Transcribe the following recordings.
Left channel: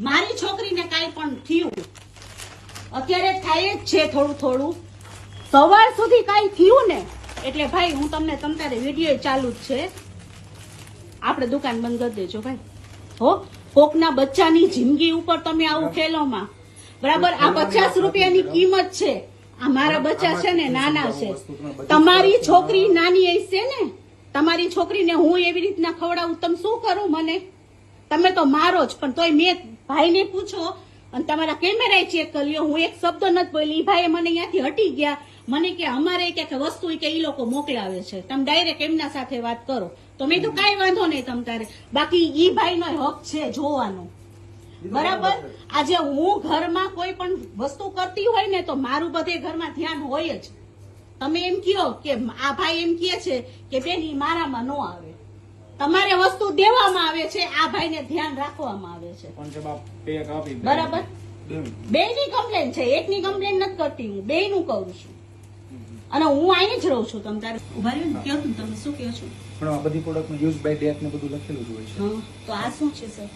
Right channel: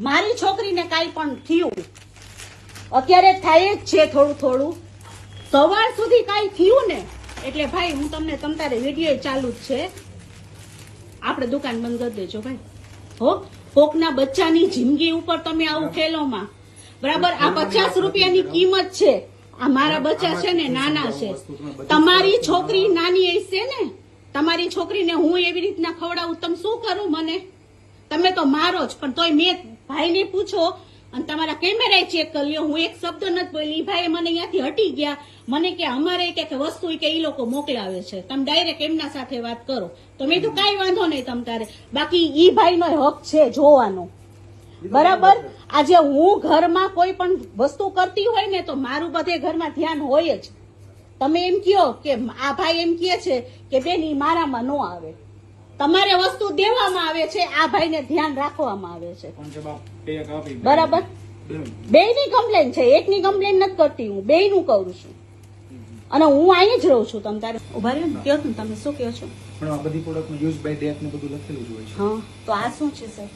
મારી છોકરીને કાંઈ પણ થયું. અત્યારે થાય જ છે થોડું થોડું. સવાર સુધી કાંઈ થયું ને, એટલે ભાઈ હું તમને તમ તારે વીડિયો ચાલુ જ છે. આપણે દુકાન બંધ કરી દેજો ભાઈ. હો, કોકના બચ્ચાની જિંદગી ઉપર તમે આવું ખેલોમાં બરાબર, આ પચાસ રૂપિયાની કિંમત છે. આ મારા બચ્ચા છે ને, નાના છે. તમારી છોકરી નાની હશે ને, તમારી છોકરીને હું એવી રીતના ખવડાવું, તમે શું કરું મને? તમે તો મારો જ, પણ તોય મેં ભાઈને પૂછો અને તમારા કેમેરા ચેક કર્યો હું એક શબ્દ નથી બોલી. ઈ ભાઈએ મને અહીંયાથી હટી ગયા. મને કે અમારે કે વસ્તુ કે એ લોકો મોકલાવે છે. તમે ડાયરેક્ટ એમના સાથે વાત કરો. તો મેં તો કાંઈ વાંધો નહીં તમ તારે. બાકી ઈ ભાઈનો હક છે જોવાનો. બરાબર? આજે હું ઘરમાં કોઈ પણ વસ્તુ કરતી હોય ને તો મારું બધે ઘરમાં ધ્યાન હોય જ. તમે એમ કહો કે આ ભાઈ એમ કહે છે કે બેન ઈ મારામાં ન આવે. તમારે વસ્તુ દેવામાં આવે છે આ ભાઈને ધ્યાન રાખવામાં આવે છે. બરાબર? બે. ની કમ્પ્લેન છે એકની કમ્પ્લેન નથી કરતી હું બે નું કરું છું અને હું અહીં જ રહું છું તમે તારે ઊભા રહે ને કયો તમે શું કહો છો? પણ આ બધી પ્રોડક્ટનું યુઝ બાય ડેટ ને બધું લખેલું જ હોય છે. હા તો આ શું છે સર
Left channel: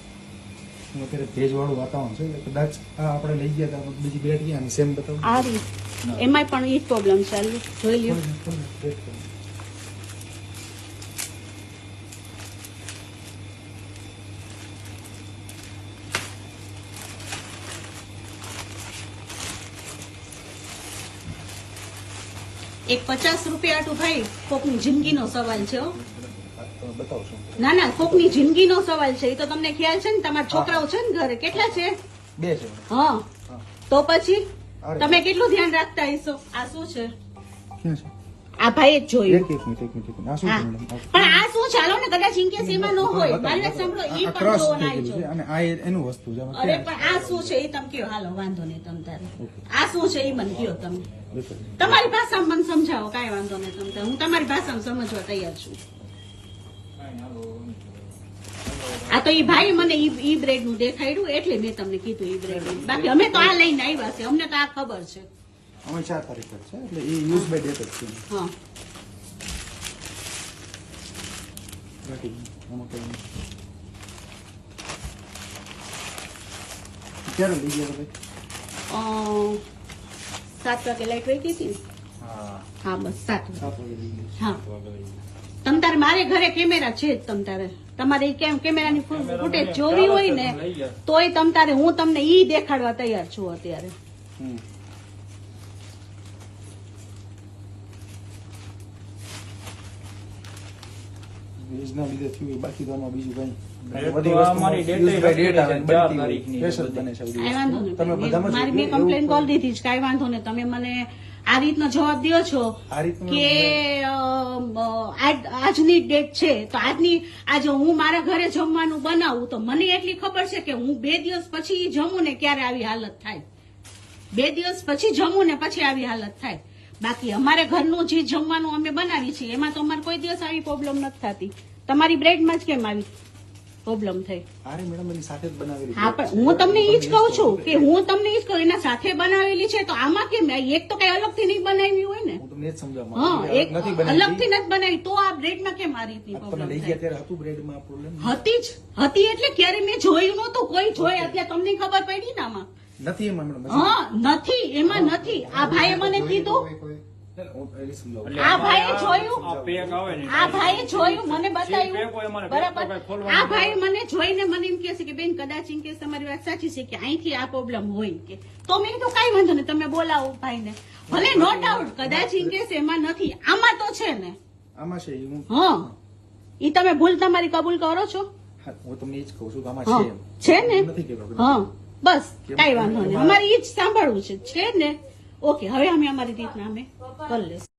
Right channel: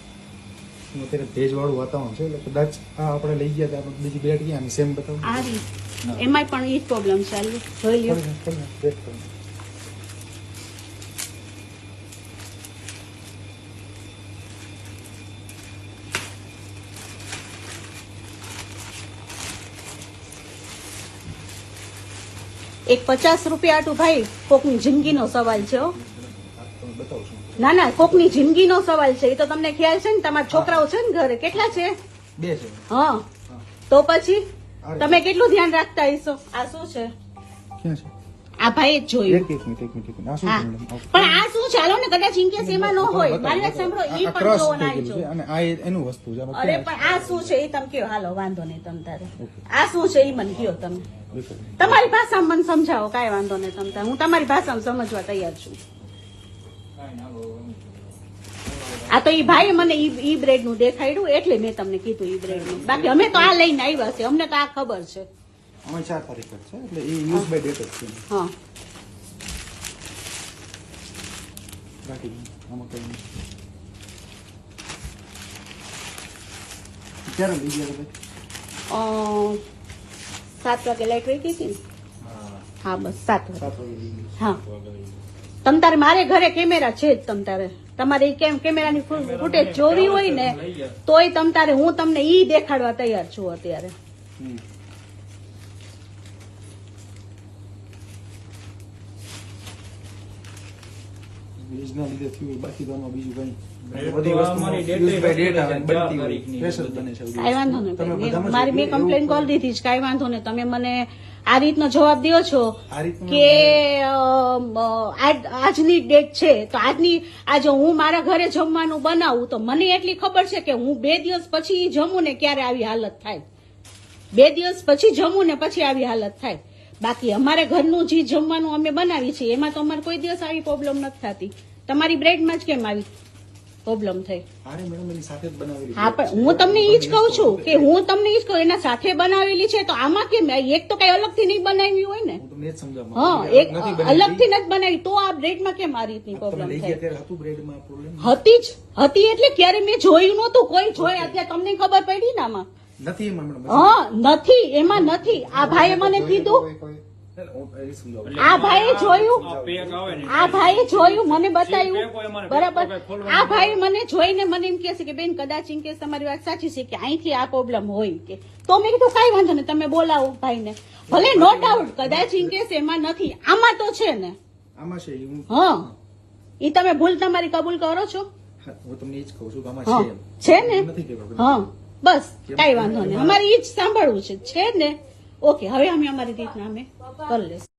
અત્યારે ભેજવાળું વાતાવરણ છે એટલે કદાચ આ આપણે લઈ ગયા હતા બીજી બેટ ગયા સેમ બતાવું. આ રીત. એમાંય પણ એ પ્રોબ્લેમ ચાલુ જોઈ લ્યો. એક પચાસ રૂપિયા તો ભાઈ કોકની જિંદગીનો સવાલ છે ના ના કોકની જિંદગીનો સવાલ છે એ તો તમને ખ્યાલ છે ને તમારા છોકરાઓ છે ને ઘરે કેટલા છે? બે છે. હા. તો પછી? તમે કેટલું ધ્યાન રાખતા હશો? આ શું છે? આ ભાઈ જ જોયું. એક એક મિનિટ એક મિનિટ આ શું હા. છે મેડમ આ- પણ આ શું ચાલો ને કદાચ ઇનકેસ એમાં ન હોય. આ- પણ cross જોવો ના થઈ ગયેલું છે. અને આ એનું વસ્તુ છે. અરે પણ આ શું છે એ તમે કયો હાલો વાંધો નહીં તમ તારે. આ શું છે એ મને કયો તમે. તમારી ભાષામાં મને સમજાવો કાંઈ વાંધો નહીં તમ તારે. હું તમારી ભાષામાં સમજવા તૈયાર છું. આ તો ઈ ભાઈ મને ઈ ઈ બ્રેડનું દેખાડ્યું એટલે મેં તમને કીધું ઈ બ્રેડનું. બાકી અમે તો આ લઈને આવ્યા છે અમને તો આ ખબર છે. આમાં ચાર તારીખ છે એટલે એ યુઝ બાય ડેટ જ છે. હા. બાકી આમાં કઈ ક્યારે લઈ ગયા ભાઈ સાત વાગે લાઈટ વહી ગઈ હતી હા. બસ સાત વાગે. હા. તમ તારે મારે ઘરે કેમેરા છે જ તમ તારે. તમારે કેમ કેમેરાની ફૂટેજ જોવી હોય ને તોય તમ તારે હું તમને ઈ દેખાડવા તૈયાર છું અત્યારે. હમ. લીધે થયું બાકી તો બીજું કઈ બધી વસ્તુ. બને છે તમે બધામાં મારી મેં કમ્પ્લેન કરી દીધી છે કાંઈ વાંધો નહીં. તમે મને આ રીતનો જવાબ દો છો કે આજની ડેટ છે. તો આજની આજે હું મારા ઘરે જમવાનું બનાવું તો મને એટલી ખબર છે કે હું બે દિવસ પછી જમું ને ક્યારે આવી હાલત થાય. બે દિવસ પછી જમું ને પછી આવી હાલત થાય. બાકી અમારે ઘરનું જે જમવાનું અમે બનાવી છીએ એમાં તો અમારે કોઈ દિવસ આવી પ્રોબ્લેમ નથી થતી. તમારી બ્રેડમાં જ કેમ આવી પ્રોબ્લેમ થઈ? અરે મેડમ એની સાથે જ બનાવેલી હા પણ હું તમને એ જ કહું છું કે હું તમને એ જ કહું એના સાથે બનાવેલી છે તો આમાં કેમ એક તો કઈ અલગથી નહીં બનાવી હોય ને? હું તમને જ સમજાવવા હા એક અલગથી નથી બનાવી તો આ બ્રેડમાં કેમ આ રીતની તમે લઈ ગયા ત્યારે હતું બ્રેડમાં પ્રોબ્લેમ હતી જ હતી એટલે ક્યારે મેં જોયું નહોતું કોઈ જોયા એટલે તમને ખબર પડી ને આમાં? નથી એમાં મેડમ હા નથી એમાં નથી. આ ભાઈએ મને કીધું. આ ભાઈએ જોયું? આ પેક આવે ને. આ ભાઈએ જોયું? મને પેક બતાવ્યું? બરાબર? પેક તો કાંઈ ખોલવાનું આ ભાઈ મને જોઈને મને એમ કહે છે કે બેન કદાચ ઇન કેસ તમારી વાત સાચી છે કે અહીંથી આ પ્રોબ્લેમ હોય કે. તો મેં કીધું કાંઈ વાંધો નહીં તમે બોલાવો ભાઈને. ભલે નો ડાઉટ કદાચ ઇન કેસ એમાં નથી. આમાં તો છે ને. આમાં છે હા એ તમે ભૂલ તમારી કબૂલ કરો છો? હું તમને એ જ કહું છું કે આમાં છે ને? કે હા. બસ કઈ કાંઈ વાંધો નહીં. અમારે એ જ સાંભળવું છે. છે ને? ઓકે હવે અમે અમારી રીતના અમે કરી લઈશું